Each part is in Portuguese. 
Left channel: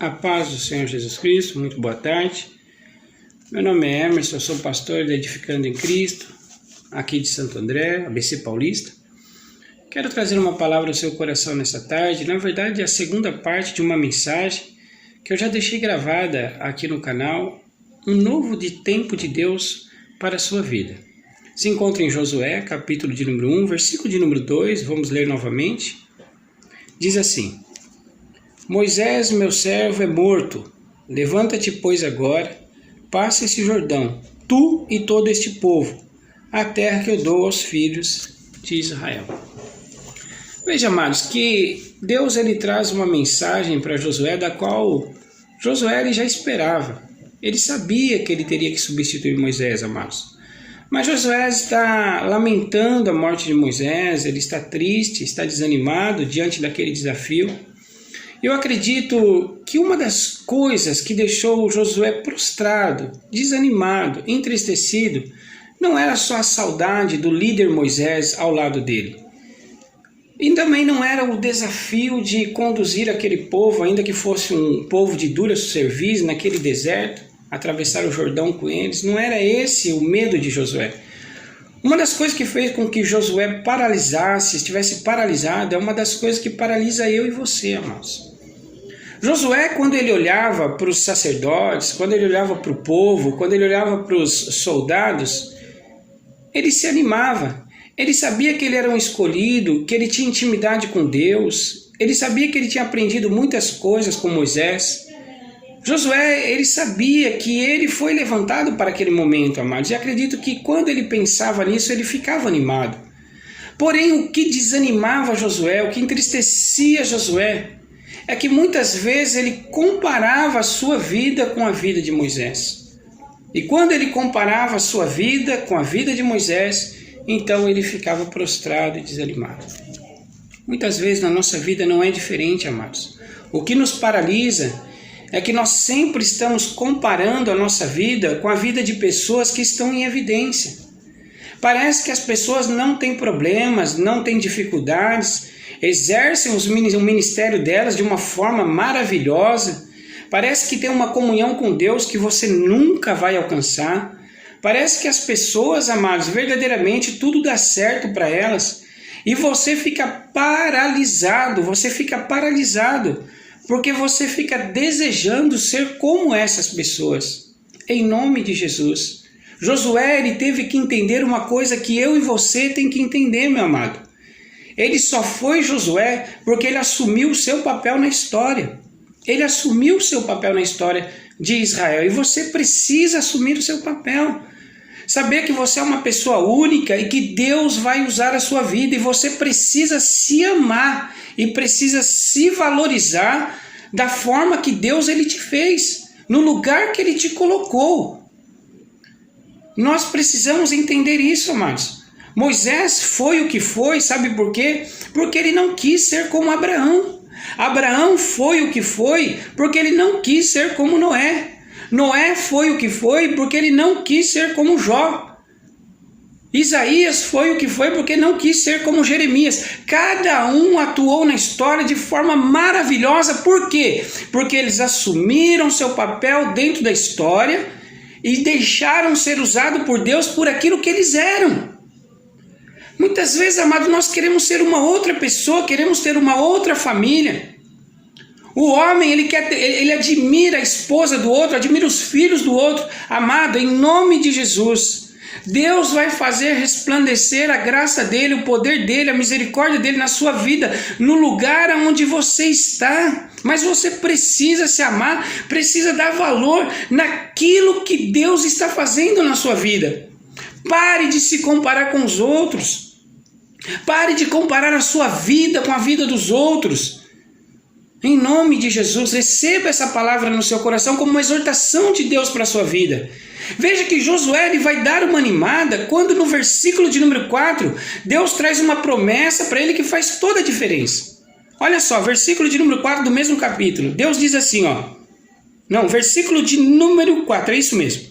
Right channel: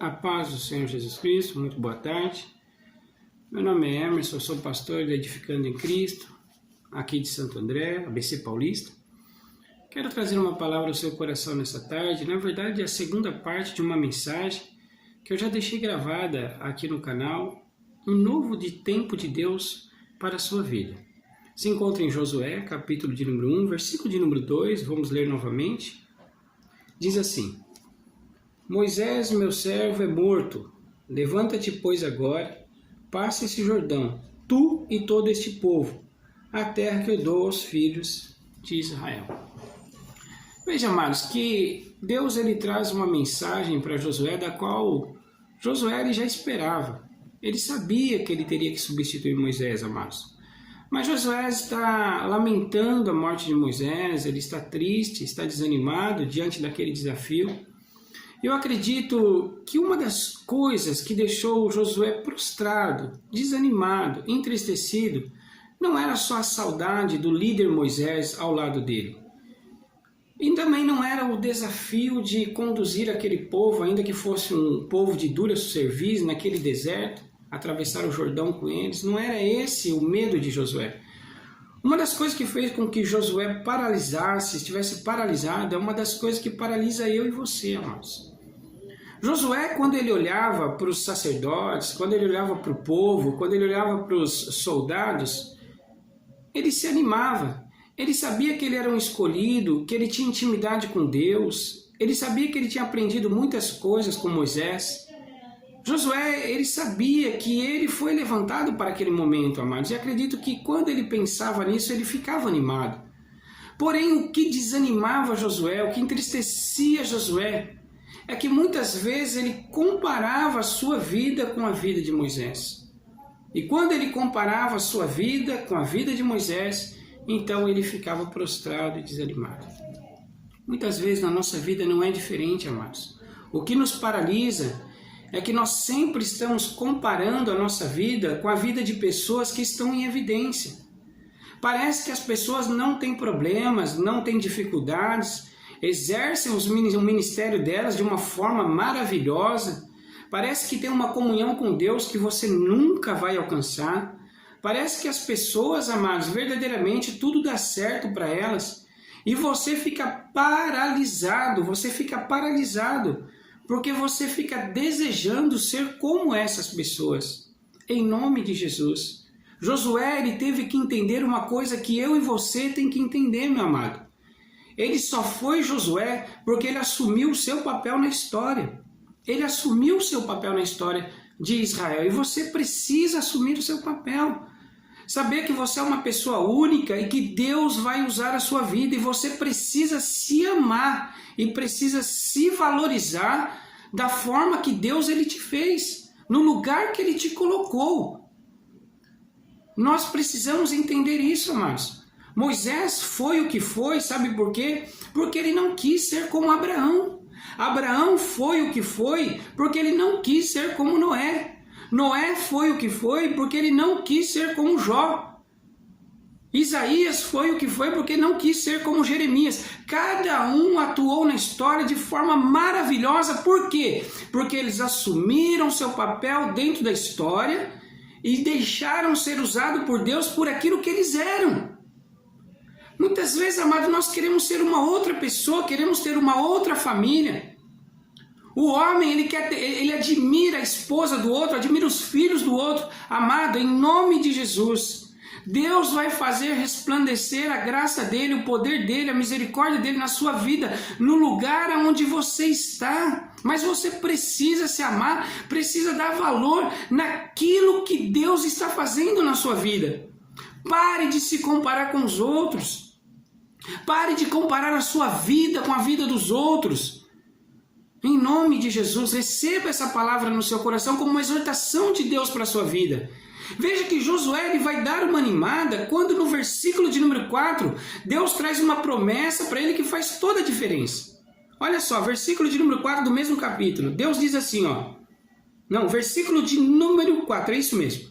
A paz do Senhor Jesus Cristo, muito boa tarde. Meu nome é Emerson, eu sou pastor da Edificando em Cristo, aqui de Santo André, ABC Paulista. Quero trazer uma palavra ao seu coração nessa tarde. Na verdade, é a segunda parte de uma mensagem que eu já deixei gravada aqui no canal, um novo tempo de Deus para a sua vida. Se encontra em Josué, capítulo de número 1, versículo de número 2, vamos ler novamente. Diz assim: Moisés, meu servo, é morto. Levanta-te, pois, agora, passa esse Jordão, tu e todo este povo, a terra que eu dou aos filhos de Israel. Veja, amados, que Deus ele traz uma mensagem para Josué, da qual Josué ele já esperava. Ele sabia que ele teria que substituir Moisés, amados. Mas Josué está lamentando a morte de Moisés, ele está triste, está desanimado diante daquele desafio. Eu acredito que uma das coisas que deixou Josué prostrado, desanimado, entristecido, não era só a saudade do líder Moisés ao lado dele. E também não era o desafio de conduzir aquele povo, ainda que fosse um povo de dura serviço naquele deserto, atravessar o Jordão com eles. Não era esse o medo de Josué. Uma das coisas que fez com que Josué estivesse paralisado, é uma das coisas que paralisa eu e você, amados. Josué, quando ele olhava para os sacerdotes, quando ele olhava para o povo, quando ele olhava para os soldados, ele se animava. Ele sabia que ele era um escolhido, que ele tinha intimidade com Deus. Ele sabia que ele tinha aprendido muitas coisas com Moisés. Josué, ele sabia que ele foi levantado para aquele momento, amados. E acredito que quando ele pensava nisso, ele ficava animado. Porém, o que desanimava Josué, o que entristecia Josué, é que muitas vezes ele comparava a sua vida com a vida de Moisés. E quando ele comparava a sua vida com a vida de Moisés, então ele ficava prostrado e desanimado. Muitas vezes na nossa vida não é diferente, amados. O que nos paralisa é que nós sempre estamos comparando a nossa vida com a vida de pessoas que estão em evidência. Parece que as pessoas não têm problemas, não têm dificuldades, exercem o ministério delas de uma forma maravilhosa. Parece que tem uma comunhão com Deus que você nunca vai alcançar. Parece que as pessoas, amados, verdadeiramente tudo dá certo para elas. E você fica paralisado, porque você fica desejando ser como essas pessoas. Em nome de Jesus. Josué, ele teve que entender uma coisa que eu e você tem que entender, meu amado. Ele só foi Josué porque ele assumiu o seu papel na história. Ele assumiu o seu papel na história de Israel. E você precisa assumir o seu papel. Saber que você é uma pessoa única e que Deus vai usar a sua vida. E você precisa se amar e precisa se valorizar da forma que Deus ele te fez, no lugar que ele te colocou. Nós precisamos entender isso, amados. Moisés foi o que foi, sabe por quê? Porque ele não quis ser como Abraão. Abraão foi o que foi porque ele não quis ser como Noé. Noé foi o que foi porque ele não quis ser como Jó. Isaías foi o que foi porque não quis ser como Jeremias. Cada um atuou na história de forma maravilhosa. Por quê? Porque eles assumiram seu papel dentro da história e deixaram ser usados por Deus por aquilo que eles eram. Muitas vezes, amado, nós queremos ser uma outra pessoa, queremos ter uma outra família. O homem, ele admira a esposa do outro, admira os filhos do outro. Amado, em nome de Jesus, Deus vai fazer resplandecer a graça dele, o poder dele, a misericórdia dele na sua vida, no lugar onde você está. Mas você precisa se amar, precisa dar valor naquilo que Deus está fazendo na sua vida. Pare de se comparar com os outros. Pare de comparar a sua vida com a vida dos outros. Em nome de Jesus, receba essa palavra no seu coração como uma exortação de Deus para a sua vida. Veja que Josué ele vai dar uma animada quando no versículo de número 4, Deus traz uma promessa para ele que faz toda a diferença. Olha só, versículo de número 4 do mesmo capítulo. Deus diz assim, versículo de número 4, é isso mesmo.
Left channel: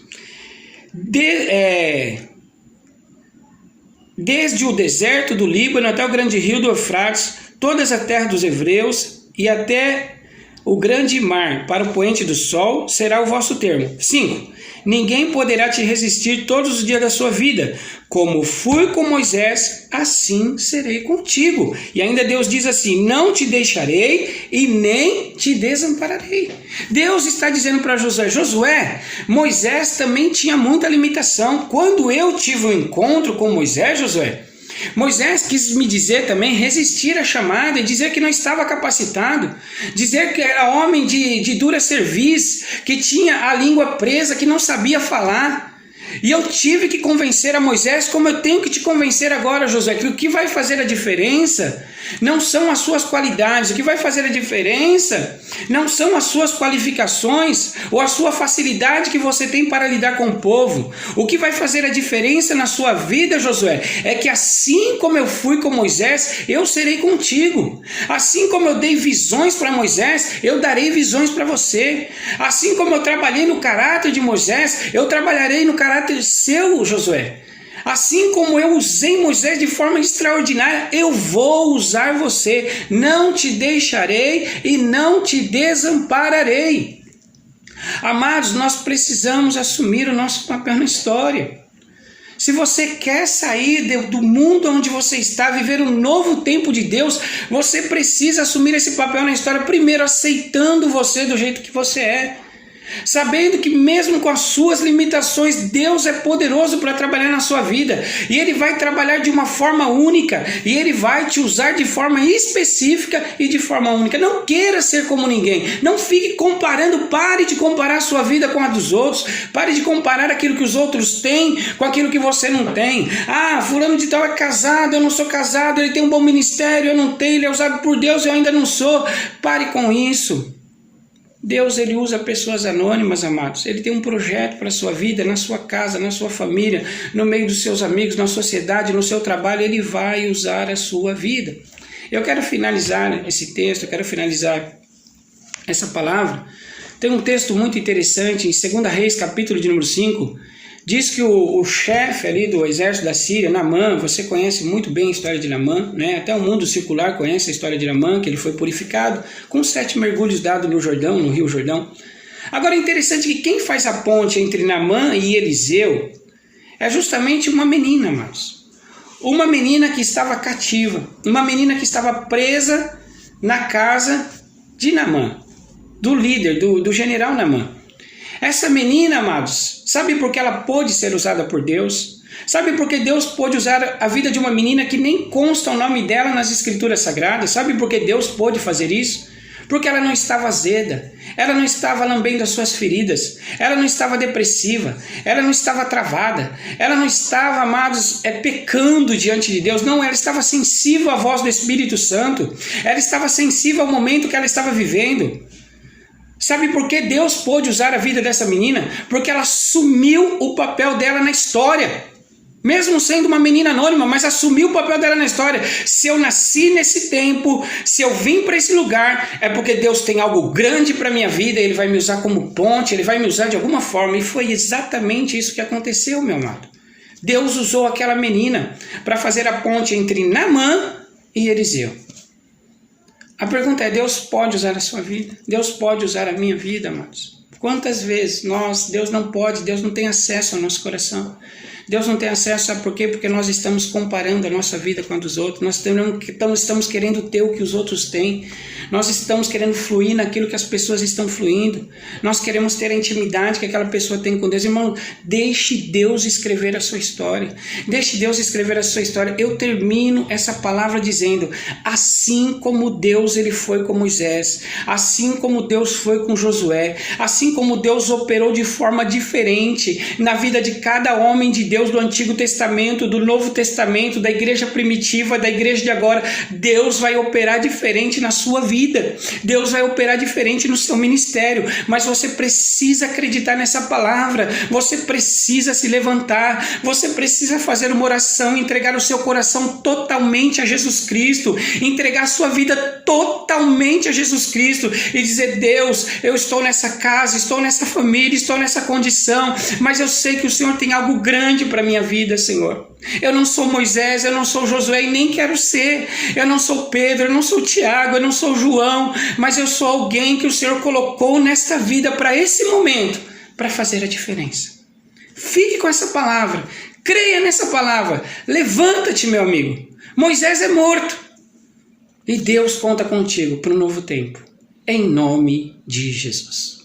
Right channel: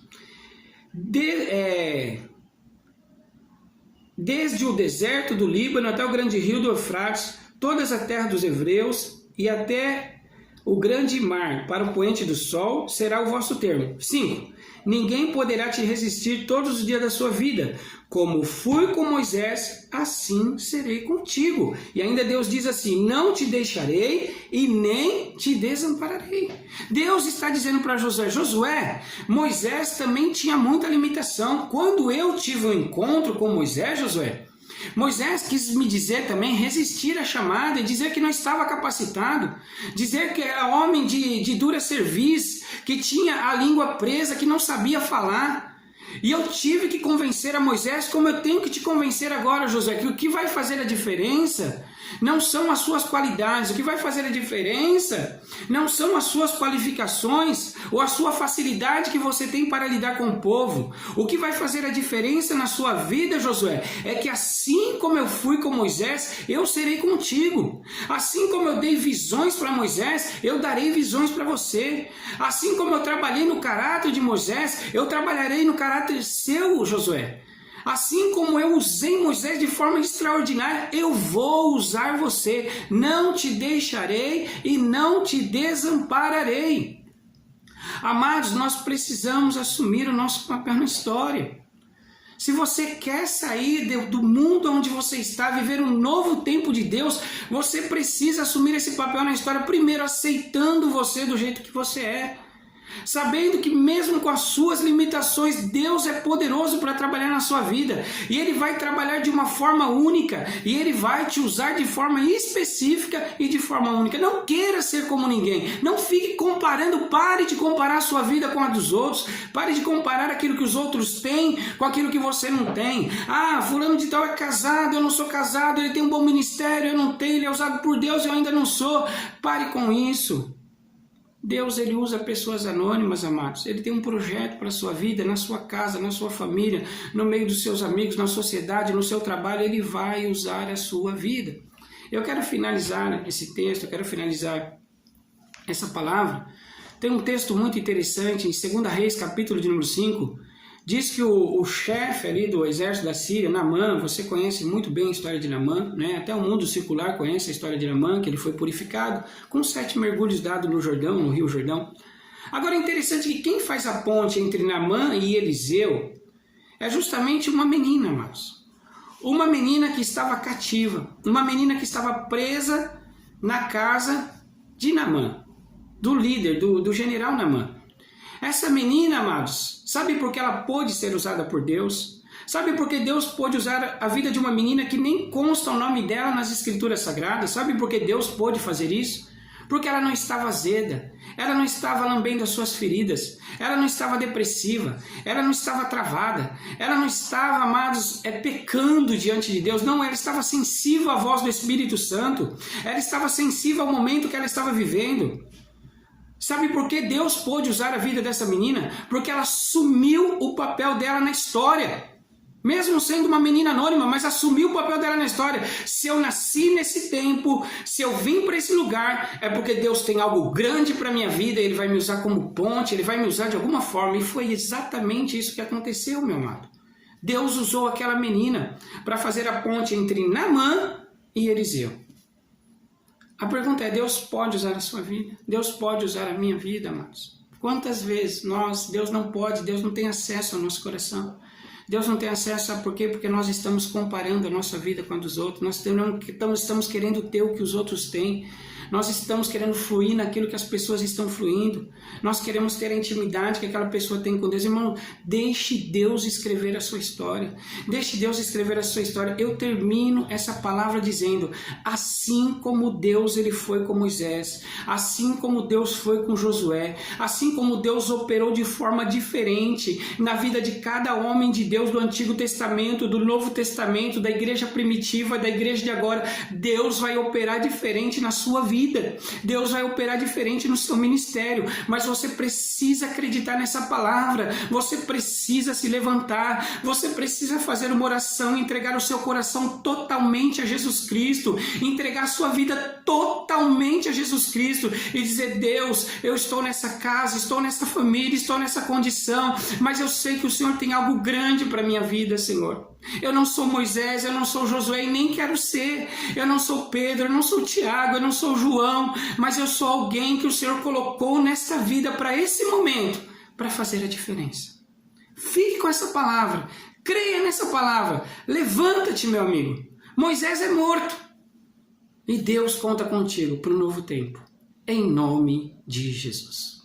Desde o deserto do Líbano até o grande rio do Eufrates, toda a terra dos hebreus e até o grande mar para o poente do sol será o vosso termo. 5. Ninguém poderá te resistir todos os dias da sua vida. Como fui com Moisés, assim serei contigo. E ainda Deus diz assim: não te deixarei e nem te desampararei. Deus está dizendo para Josué: Josué, Moisés também tinha muita limitação. Quando eu tive um encontro com Moisés, Josué, Moisés quis me dizer também, resistir à chamada e dizer que não estava capacitado, dizer que era homem de dura cerviz, que tinha a língua presa, que não sabia falar. E eu tive que convencer a Moisés, como eu tenho que te convencer agora, Josué, que o que vai fazer a diferença não são as suas qualidades, o que vai fazer a diferença não são as suas qualificações ou a sua facilidade que você tem para lidar com o povo. O que vai fazer a diferença na sua vida, Josué, é que assim como eu fui com Moisés, eu serei contigo. Assim como eu dei visões para Moisés, eu darei visões para você. Assim como eu trabalhei no caráter de Moisés, eu trabalharei no caráter seu, Josué. Assim como eu usei Moisés de forma extraordinária, eu vou usar você. Não te deixarei e não te desampararei. Amados, nós precisamos assumir o nosso papel na história. Se você quer sair do mundo onde você está, viver um novo tempo de Deus, você precisa assumir esse papel na história, primeiro aceitando você do jeito que você é. Sabendo que mesmo com as suas limitações, Deus é poderoso para trabalhar na sua vida. E Ele vai trabalhar de uma forma única. E Ele vai te usar de forma específica e de forma única. Não queira ser como ninguém. Não fique comparando. Pare de comparar a sua vida com a dos outros. Pare de comparar aquilo que os outros têm com aquilo que você não tem. Ah, fulano de tal é casado, eu não sou casado. Ele tem um bom ministério, eu não tenho. Ele é usado por Deus, eu ainda não sou. Pare com isso. Deus, Ele usa pessoas anônimas, amados. Ele tem um projeto para a sua vida, na sua casa, na sua família, no meio dos seus amigos, na sociedade, no seu trabalho. Ele vai usar a sua vida. Eu quero finalizar esse texto, eu quero finalizar essa palavra. Tem um texto muito interessante em 2 Reis, capítulo de número 5. Diz que o chefe ali do exército da Síria, Naamã, você conhece muito bem a história de Naamã, né? Até o mundo circular conhece a história de Naamã, que ele foi purificado com 7 mergulhos dados no Jordão, no Rio Jordão. Agora é interessante que quem faz a ponte entre Naamã e Eliseu é justamente uma menina, amados. Uma menina que estava cativa, uma menina que estava presa na casa de Naamã, do líder, do general Naamã. Essa menina, amados, sabe por que ela pôde ser usada por Deus? Sabe por que Deus pôde usar a vida de uma menina que nem consta o nome dela nas Escrituras Sagradas? Sabe por que Deus pôde fazer isso? Porque ela não estava azeda, ela não estava lambendo as suas feridas, ela não estava depressiva, ela não estava travada, ela não estava, amados, pecando diante de Deus. Não, ela estava sensível à voz do Espírito Santo, ela estava sensível ao momento que ela estava vivendo. Sabe por que Deus pôde usar a vida dessa menina? Porque ela assumiu o papel dela na história. Mesmo sendo uma menina anônima, mas assumiu o papel dela na história. Se eu nasci nesse tempo, se eu vim para esse lugar, é porque Deus tem algo grande para a minha vida, Ele vai me usar como ponte, Ele vai me usar de alguma forma. E foi exatamente isso que aconteceu, meu amado. Deus usou aquela menina para fazer a ponte entre Naamã e Eliseu. A pergunta é: Deus pode usar a sua vida? Deus pode usar a minha vida, amados? Quantas vezes Deus não pode, Deus não tem acesso ao nosso coração? Deus não tem acesso, sabe por quê? Porque nós estamos comparando a nossa vida com a dos outros, nós estamos querendo ter o que os outros têm, nós estamos querendo fluir naquilo que as pessoas estão fluindo, nós queremos ter a intimidade que aquela pessoa tem com Deus. Irmão, deixe Deus escrever a sua história, deixe Deus escrever a sua história. Eu termino essa palavra dizendo: assim como Deus ele foi com Moisés, assim como Deus foi com Josué, assim como Deus operou de forma diferente na vida de cada homem de Deus do Antigo Testamento, do Novo Testamento, da igreja primitiva, da igreja de agora, Deus vai operar diferente na sua vida. Deus vai operar diferente no seu ministério, mas você precisa acreditar nessa palavra, você precisa se levantar, você precisa fazer uma oração, entregar o seu coração totalmente a Jesus Cristo, entregar a sua vida totalmente a Jesus Cristo e dizer: Deus, eu estou nessa casa, estou nessa família, estou nessa condição, mas eu sei que o Senhor tem algo grande sentido para a minha vida, Senhor. Eu não sou Moisés, eu não sou Josué e nem quero ser. Eu não sou Pedro, eu não sou Tiago, eu não sou João, mas eu sou alguém que o Senhor colocou nesta vida para esse momento, para fazer a diferença. Fique com essa palavra, creia nessa palavra, levanta-te, meu amigo. Moisés é morto e Deus conta contigo para um novo tempo, em nome de Jesus.